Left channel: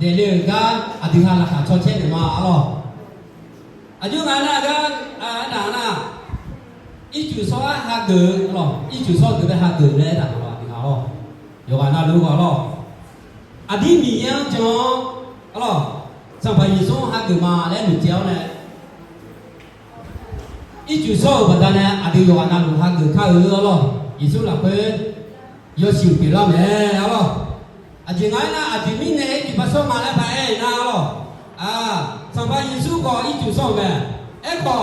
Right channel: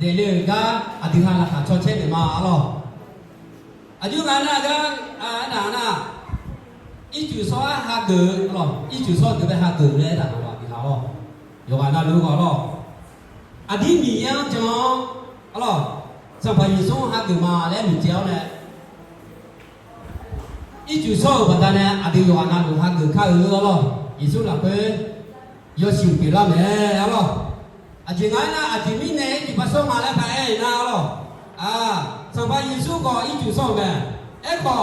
Dele ga adiha la kha cho che de ma alo. Aju ga na ga a na na. I chu so ha de alo. I chu so de ha de le da ba bi ha lo. Yo ga na lu ga lo. Adi mi yang cho alo. Sa ba yi so ha de ma le mi jiao le. I chu so ba da ne adi yo ga na lu ha de ka lo. Yi so la pe. Yo xiu bi la me alo. อาจินายนะอาจิมิเนจิปัสสมาแล้วไปเอ้นาลออ่าสัมปายิสุก็อีจุส่งเมเอ็กก็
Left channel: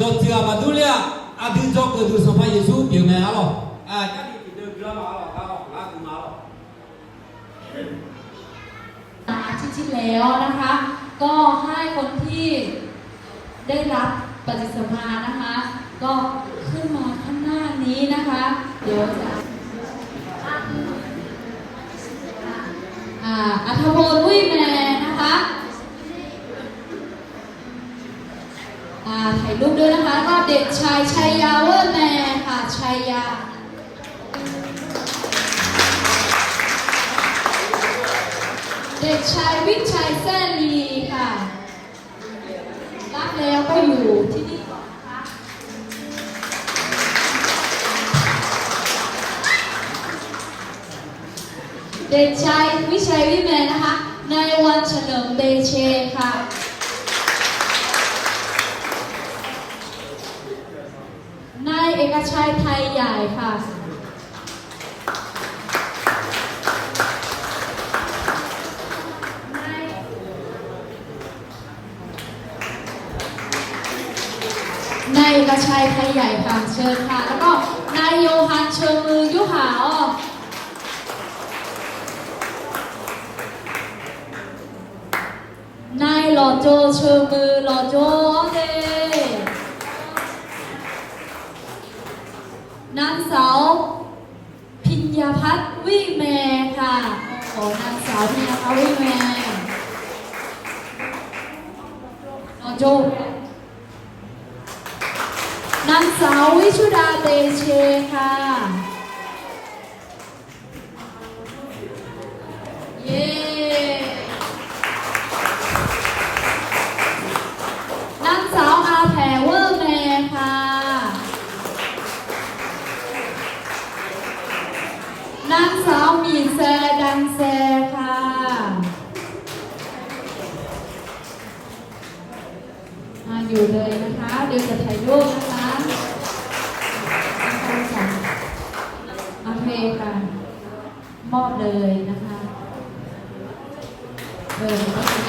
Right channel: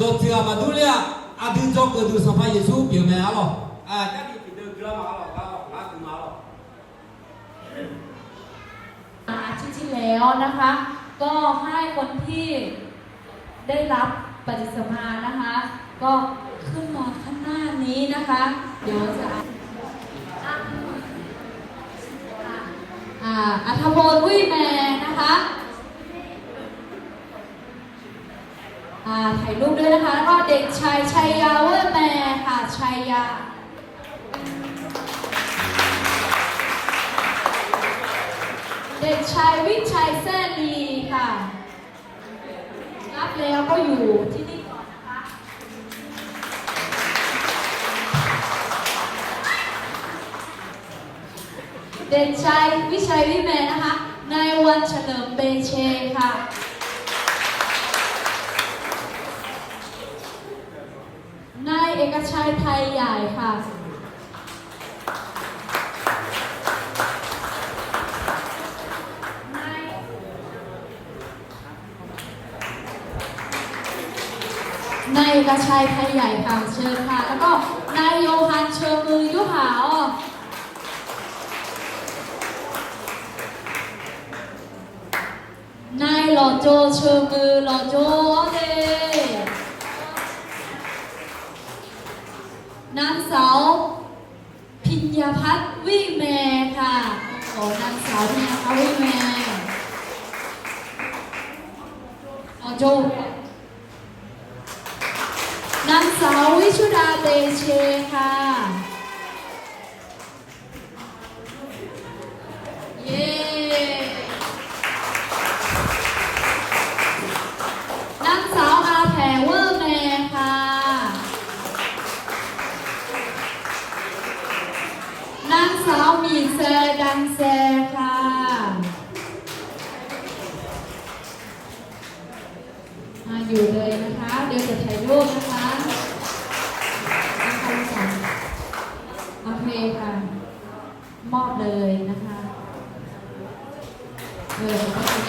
ดอกเสือมาดูเลียอาดูจอกก็ดูสัมปายิสูเปียวเมอาลออ่าจะดีกิเดือดมาลอก็อาดูมาลออาทิตย์ที่แล้วนะคะ ก็ให้คนที่ได้รับปฏิสัมภารนะคะ ก็ขึ้นมาข้างหน้านี้นะคะ เดี๋ยวจะ อ่าถ่ายรูปด้วยนะคะก็เด็กชายชัยยาเวอร์แมนค่ะชัยยาเด็กชายวิชัยแซลีค่ะ รับแล้วก็อยู่ที่นี่ก่อนนะคะเด็กชายวิชัยวิแมนนะคะ นายวันเฉลิมเตเชค่ะ นาย เอกชัยไทยใหญ่ค่ะนายเอกชัยไทยใหญ่ค่ะเชิญค่ะ แล้วก็นายโยฮันเชิงมือยุหาอ้อนายหล่อโจเชิงมือหล่อโจเดนางสาวพิญญาพัฒน์ วิแมค่ะของนางสาวพิญญาพัฒน์วิแมหล่อโจนางสาววิชุดาเตเช นางสาวมีแซดังแซค่ะ มาอยู่เลยนะคะ เดี๋ยวจะถ่ายรูปนะคะนะคะจ้ะโอเคค่ะ มอบเลยนะคะเออ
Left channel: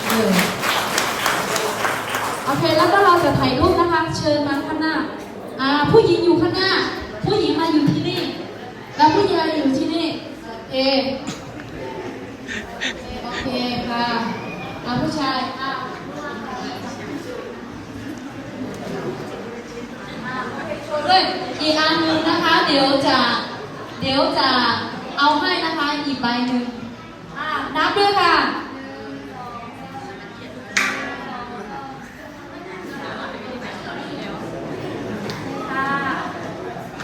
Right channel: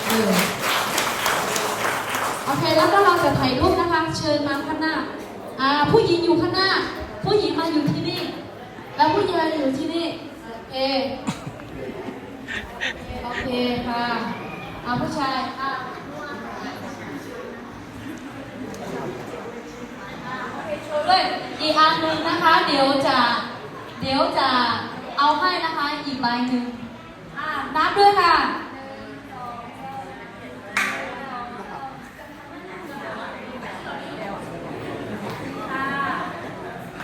เออโอเค แล้วก็เราจะถ่ายรูปนะคะ เชิญมาข้างหน้า อ่า ผู้หญิงอยู่ข้างหน้า ผู้หญิงมาอยู่ที่นี่ แล้วผู้ชาย โอเคโอเคค่ะมาผู้ชายอะด้วยอีกอันหนึงนะคะ เดี๋ยวจะเดี๋ยวจะเอาให้นะคะอีกใบหนึ่งอ่านับด้วยค่ะ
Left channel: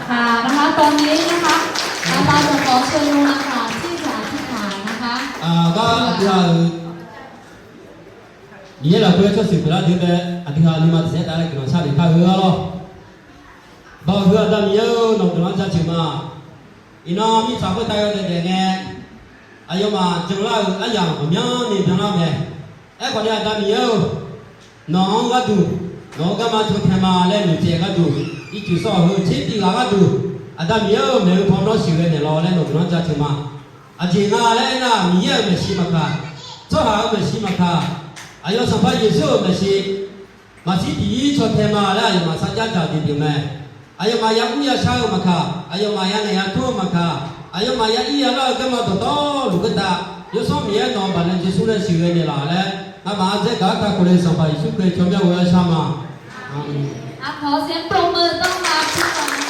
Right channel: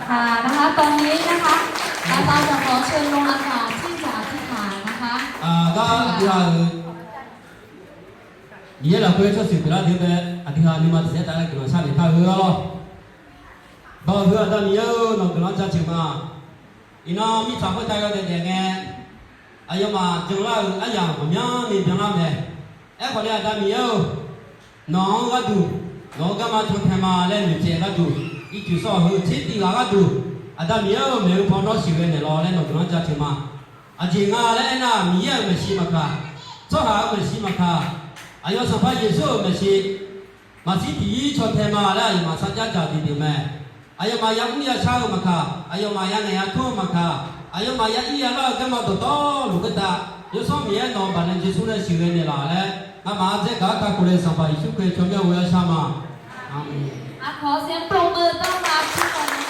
ค่ะนะคะตอนนี้นะคะเราจะขอเชิญลงอาจารย์ที่จะ ကဒီဟာဒီလာပြောချစ်ပြလာဒီပဲအဒီဟာလီမတ်ဇက်တာလေကနော်စားတယ်ဖာရောလောဘာပြောတမ်းယောနော်ကနော်စားချင်မအင်းအမိစာခွတ်တိုင်ရတဲ့နဲ့အယောမကျန်လာအရာအများနေပြန်လာမယ်အဲ့ခေါ်တဲ့အတ 阿静啊，来那米也没洗嘛卡，做饭没洗嘛卡，阿有上班也少没洗，嘛是第一出天嘛来，嘛参加大弟弟们，阿有嘛养乌鸦下嘛卡，还有嘛养鸟兔嘛卡，阿有嘛养伊阿那跟嘛多多路个大，有上米也弄把人结束了，收了你啦嘞，那嘛在打卡过来上班，就可以全面回来上嘛，阿。婆先多多多嘛。